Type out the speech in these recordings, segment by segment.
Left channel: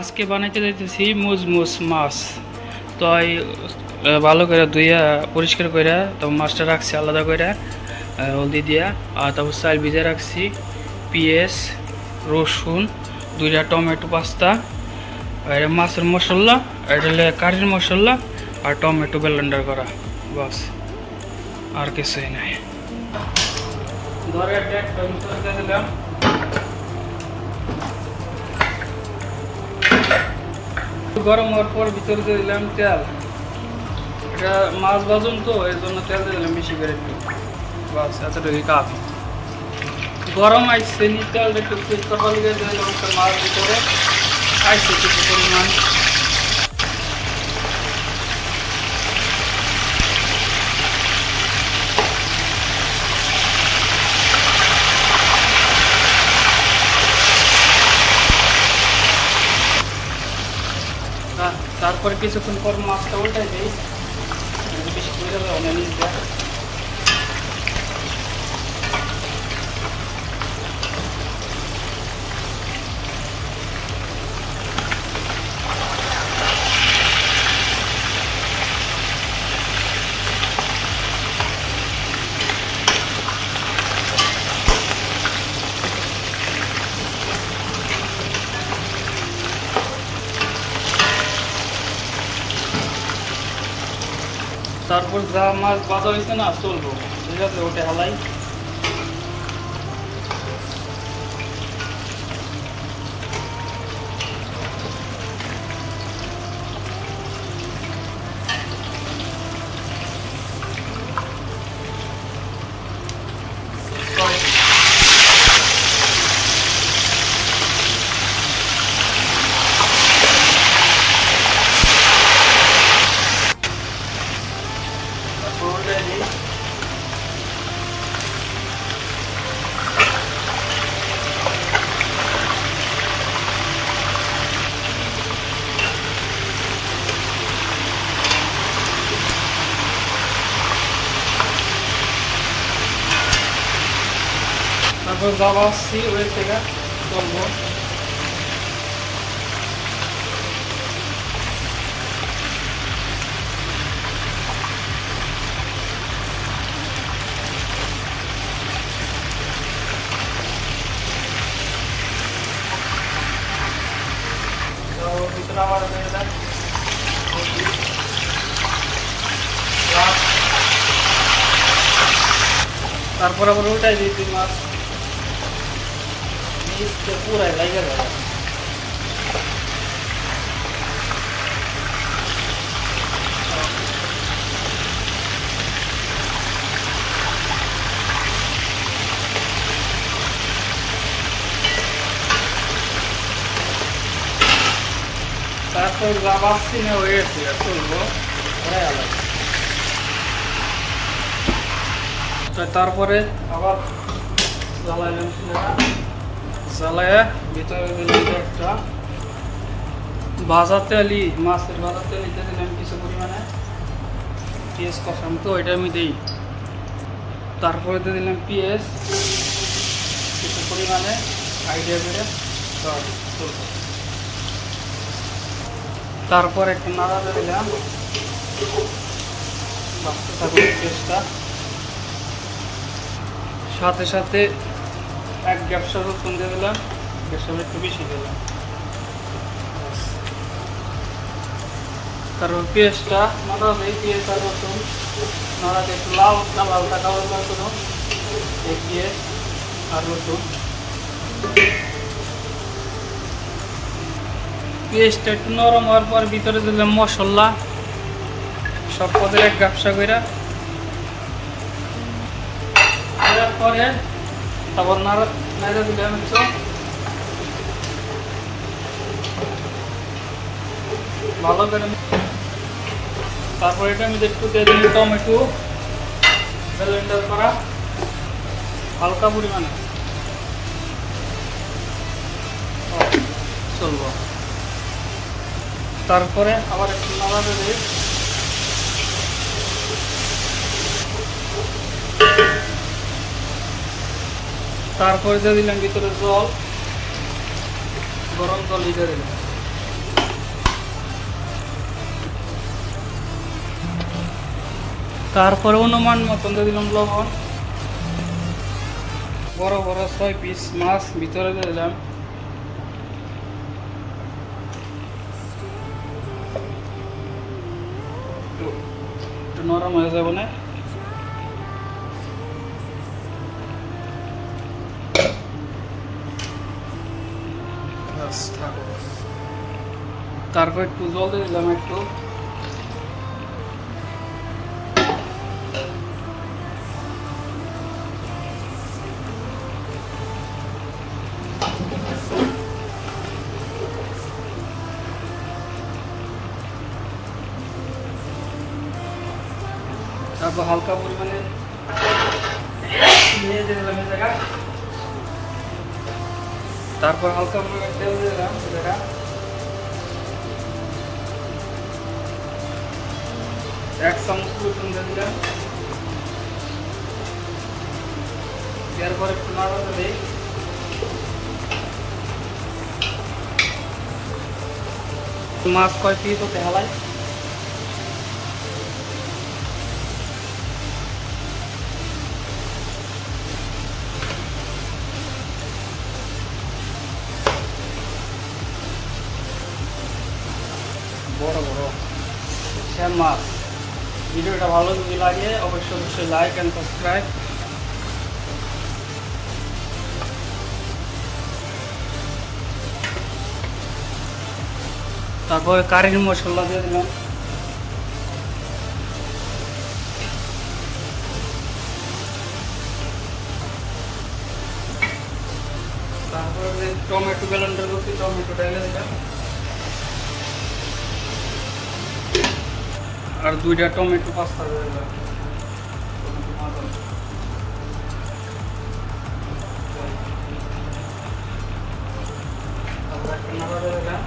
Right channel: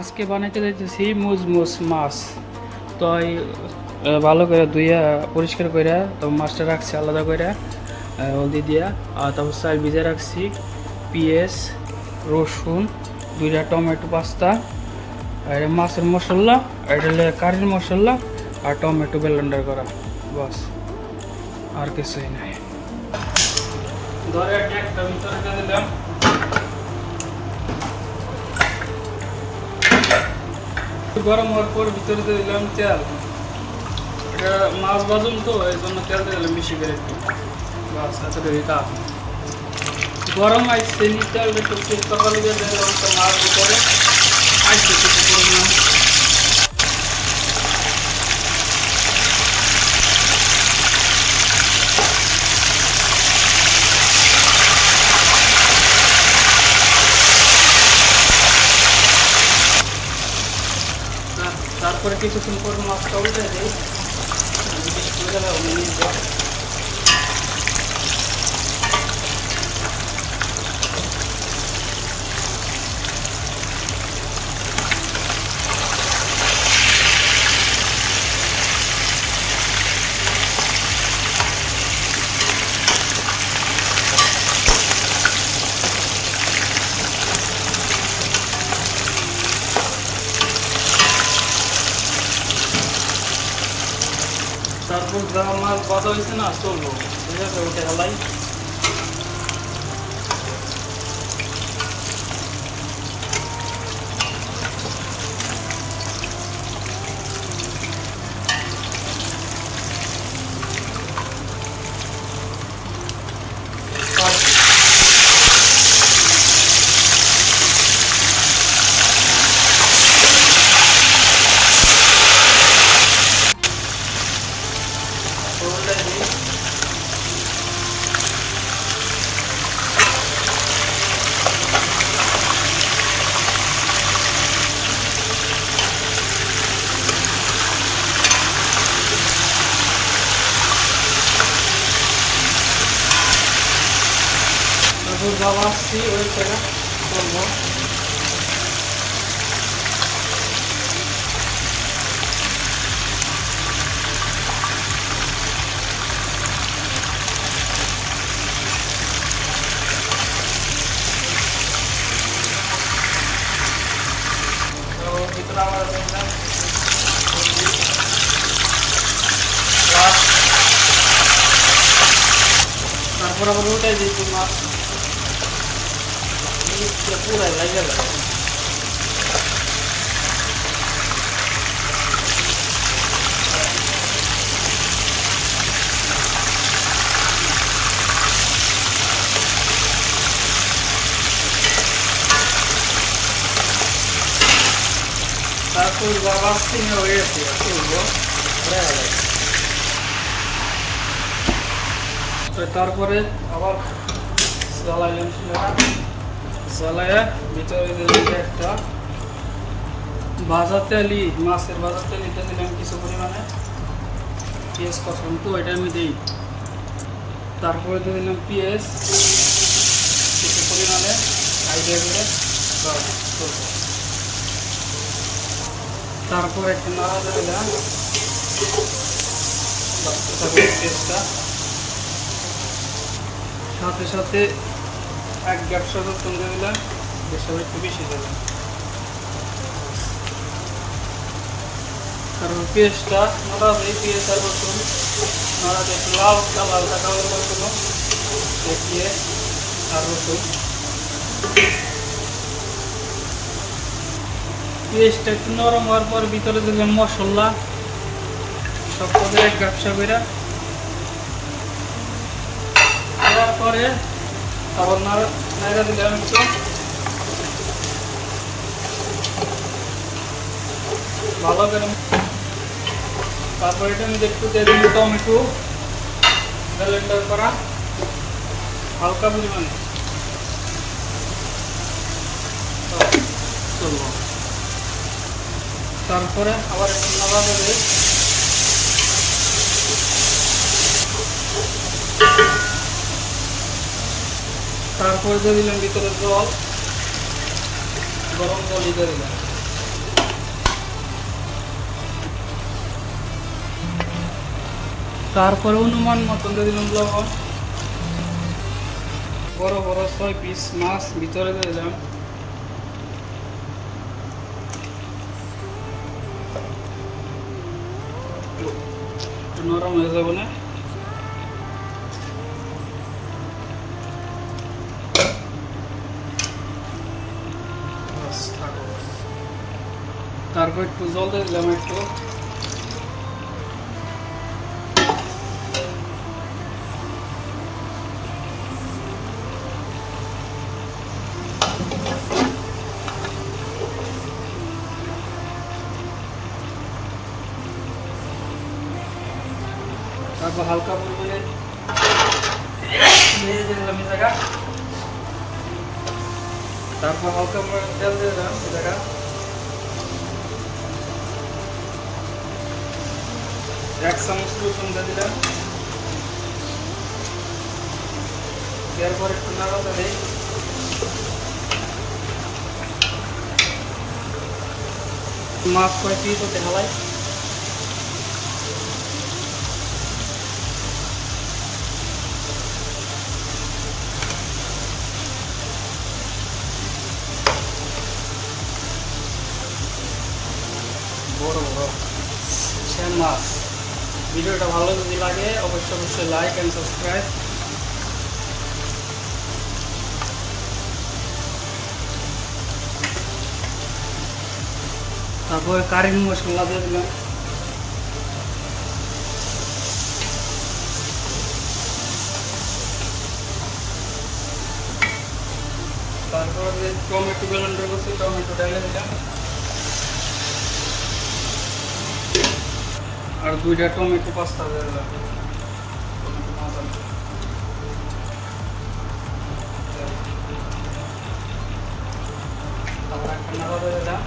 আজকে বানাইতে যাইতেছি মুজমুজ মাছ। তো এই ভালো করে ধুইয়া পরিষ্কার করে তারপর মাছটা রাখছি আলাদা করে হলদি দিয়া, আর তারপর চাল ভিজে রাখছি, পেঁয়াজ, রসুন, 2টা টমেটো, পাস্তা, আর মাছের মশলা, এটা কারির মশলা আর টমেটো ব্লেন্ডার করা, বাস আর কিছুই নাই। ধরে একটা ভিতরে দিলাম, গরম হওয়ার পর ভিতরে দিয়ে দিলাম তেল। এটা মাছ ভাজুন তো এই জন্য তেল দিয়ে দিলাম বেশি করে একটু, বাস এতটুকুই কাফি। গরম আইসে নি তেল একটু সুস্থ করে দিয়ে দিলাম মাছ ভিতরে আইসে কিছু পরিমাণ। তারপরে কিছুক্ষণ পর মাছটা উল্টাই দিই, তারপর যা মাছ বাঁধা হয়েছে না চলবো, ঠিক আছে, ওটা হেলাই। তারপর যা আসছি ওই জায়গা চলবো। তারপর আবার ওটাই দিই মাছ পুরাই লাগে যায়। তারপর লাভাসি হয়েছে তারপরে আবার জ্বালাইলাম, জ্বালায় ভিতরে দিলাম একটা ভাজা তেলি, মাছের ভাজা তেল, এটা দিলাম কিছু পরিমাণে, পেঁয়াজ কষাম তো এটা আমি দিই। তারপরে দিয়ে দিলাম পেঁয়াজ কিছু পরিমাণে আইডিয়া করে, তারপর একটু নাড়া দিলাম পেঁয়াজটা, সাথে সাথে 1 গ্যাপসা রসুন দিয়ে দিলাম, একটু বেশি দিলাম। তারপর পেঁয়াজটা নাড়া দিই, পেঁয়াজ আর রসুন নাড়া দিয়ে একটু লাল কালার দেখা কোনো পেঁয়াজ আর রসুন। পেঁয়াজটা একটু নরম হওয়ার পর ভিতরে দিলাম মশলা, সব পদের 1 গ্যাপসা করে দেওয়ার পরে তারপর নাড়া দিলাম একটু, ভালো করে। তারপর এটা আমি একটু দিয়ে দিলাম টমেটো ব্লেন্ডার করা হালকা পরিমাণে, চলবো। তারপরে আবার একটু নাড়া দেবে, তারপরে দিয়ে দিলাম ভিতরে জল, গরম জল দিয়ে দিলাম। তারপরে অনুমান মতন দিয়ে দিলাম লবণ। বড় বড় 6 পিস মাছ ভিতরে দিয়ে দিলাম। নরম হয়ে যাবে না। তারপর একটু জল দিয়ে দিলাম একটু। তারপর হালকা পরিমাণে ভেজে দিলাম এই জায়গা। তারপর হালকা পরিমাণে তেল দিয়ে দিলাম এই জায়গা। এক চামচ রসুন দিয়ে দিলাম। এরপর একটু নাড়াতে দিই। মাছ 6 পিস হতে হালাই। বড় বড় শ্যাম মাছ। ভিডিওটা ভালো যদি লাগে অবশ্যই লাইক এন্ড সাবস্ক্রাইব। তারপর কারি মশলা দিয়ে দিলাম। তারপর টমেটো ব্লেন্ডার করছি, টমেটো ঢেলে দিলাম। আর 2টা টমেটো পাস্তা দিয়ে দিলাম। তারপর একটা নাড়া দিয়ে দিলাম।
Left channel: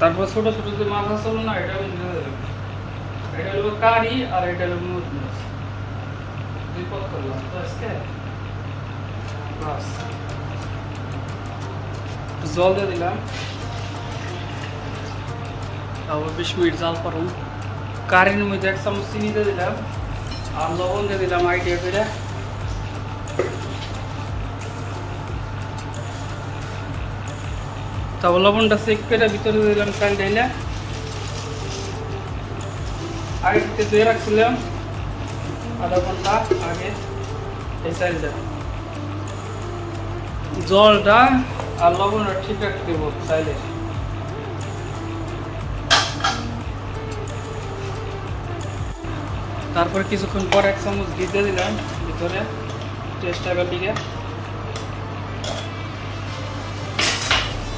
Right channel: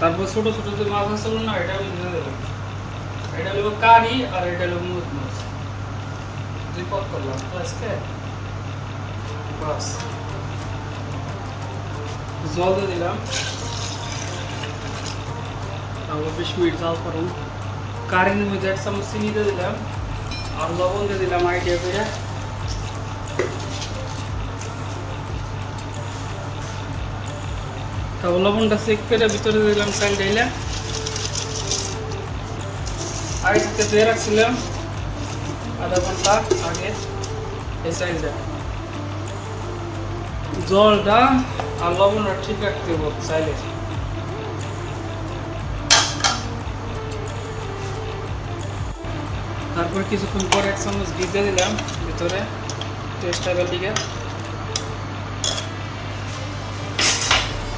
তারপর ছোট ছোট যে মাছ আছে না এটা আমি দিয়ে দিলাম। এটা হলো কারি আর এটা হলো মুজ। 2 পট করলাম তো আজকে। বাস জল দিয়ে দিলাম। তারপর 20 মিনিট জাল করুন। কারির মধ্যে 1 চামচ চিনি দিয়ে দিলাম আর লবণ দিয়ে দিলাম আইডিয়া করে। তারপর লবণটা চেক করে ভিতরে দিয়ে দিলাম চাল ঢেলে। আগে থেকে ধুয়ে রাখছিলাম আধা ঘন্টা আগে এই চালটা। জলটা আর লবণটা ঠিক রাখতে হবে চাইলে। তারপর কিছুক্ষণ পর 1 চামচ ঘি দিয়ে দিলাম ভিতরে টেস্ট আবার দিকে।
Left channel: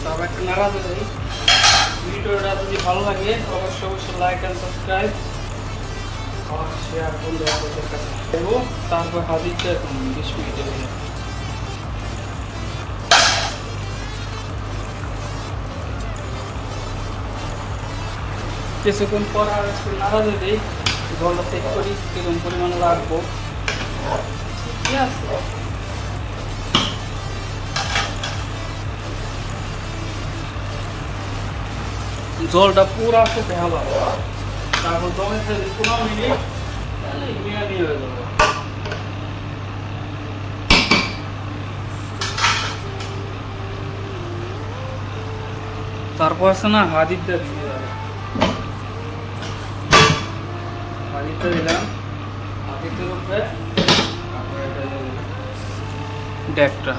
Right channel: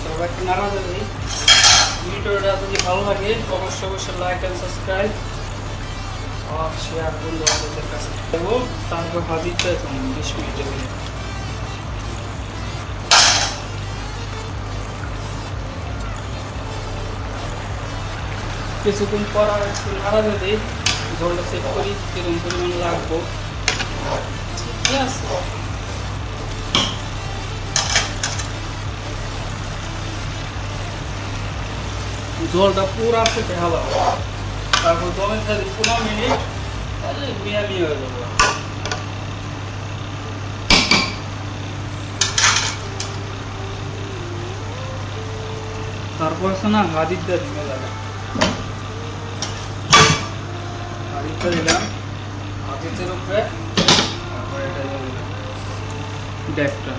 তারপর একটু নাড়া দেবে। ভিডিওটা যদি ভালো লাগে অবশ্যই লাইক এন্ড সাবস্ক্রাইব আর শেয়ার বন্ধুদের কাছে দেবো। তারপর হাজিরটা 20 মিনিটের মধ্যে। কিছুক্ষণ পর আর একটু নাড়া দিয়ে দিই। জলটা চেক করি কিরকম পরিমাণ লাগবো। ঠিক আছে, জলটা পুরা ফুটে হলো। তারপর দমে 15 মিনিট মিয়ামি হয়ে যাবে। তারপর আছে না হাদিরটা দিয়ে যাবে। হাদিরটা দিলাম হাদিরটার উপরে। তারপর এটা ডেকটা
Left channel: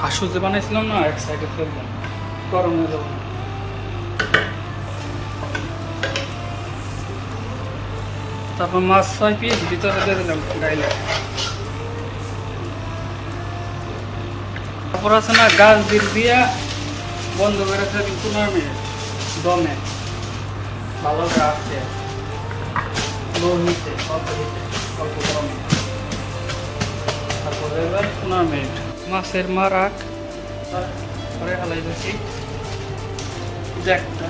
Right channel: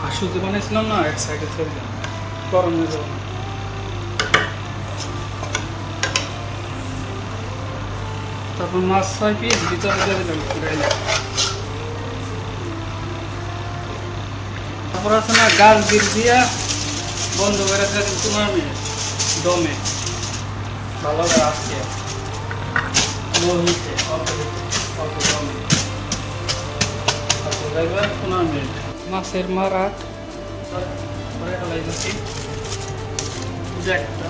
হাসু যে বানিয়েছিলাম না এক সাইডে ফেলে দিলাম, গরম হয়ে যাবে। তারপর মাছ 6 পিস ভিতরে দিয়ে দিলাম গাইলে। তারপর আছে না গাছ বিল দিয়া বন্ধ করে 15 মিনিট দমে ভালো করে আসছে অল্প দমে। তারপর 15 মিনিট মাছের মারাক করে ফেলাই দিচ্ছি দেখটা।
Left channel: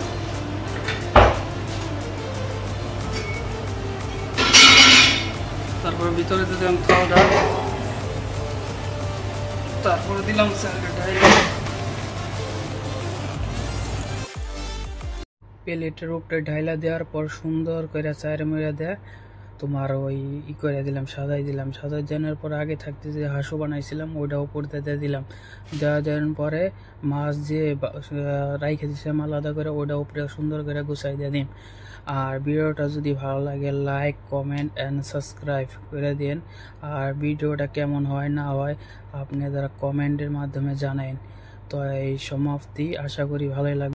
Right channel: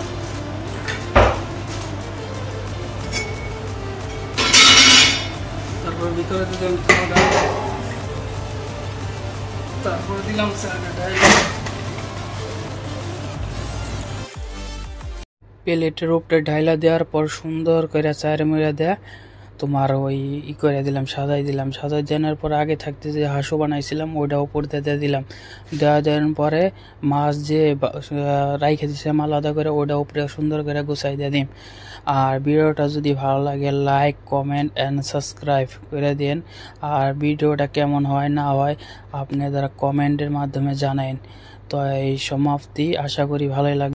তারপর ভিতরে দিলাম খাওয়া দাওয়া। তারপরে দিলাম প্লেটের উপরে ঢাইলা দেওয়ার পর সুন্দর করে চার মেরা দেয়া তোমার ওই করে দিলাম, সাজাই দিলাম। সাজাই দেওয়ার পর আগে থাকতে যে হাঁসও বানাইছিলাম ওইটা উপর দিয়ে দিলাম। দেওয়ার পরে মাছ যে রাইখে দিয়েছিলাম আলাদা করে ওইটা উপরে সুন্দর করে গুছাই দিয়ে দিন। আর ভিডিওটা যদি ভালো লাগে লাইক কমেন্ট অ্যান্ড সাবস্ক্রাইব করে দিন। আর ভিডিওটা কেমন হয় না হয় আপনারা কমেন্টের মাধ্যমে জানান। তো এই সমাপ্তি, আশা করি ভালোই লাগবে।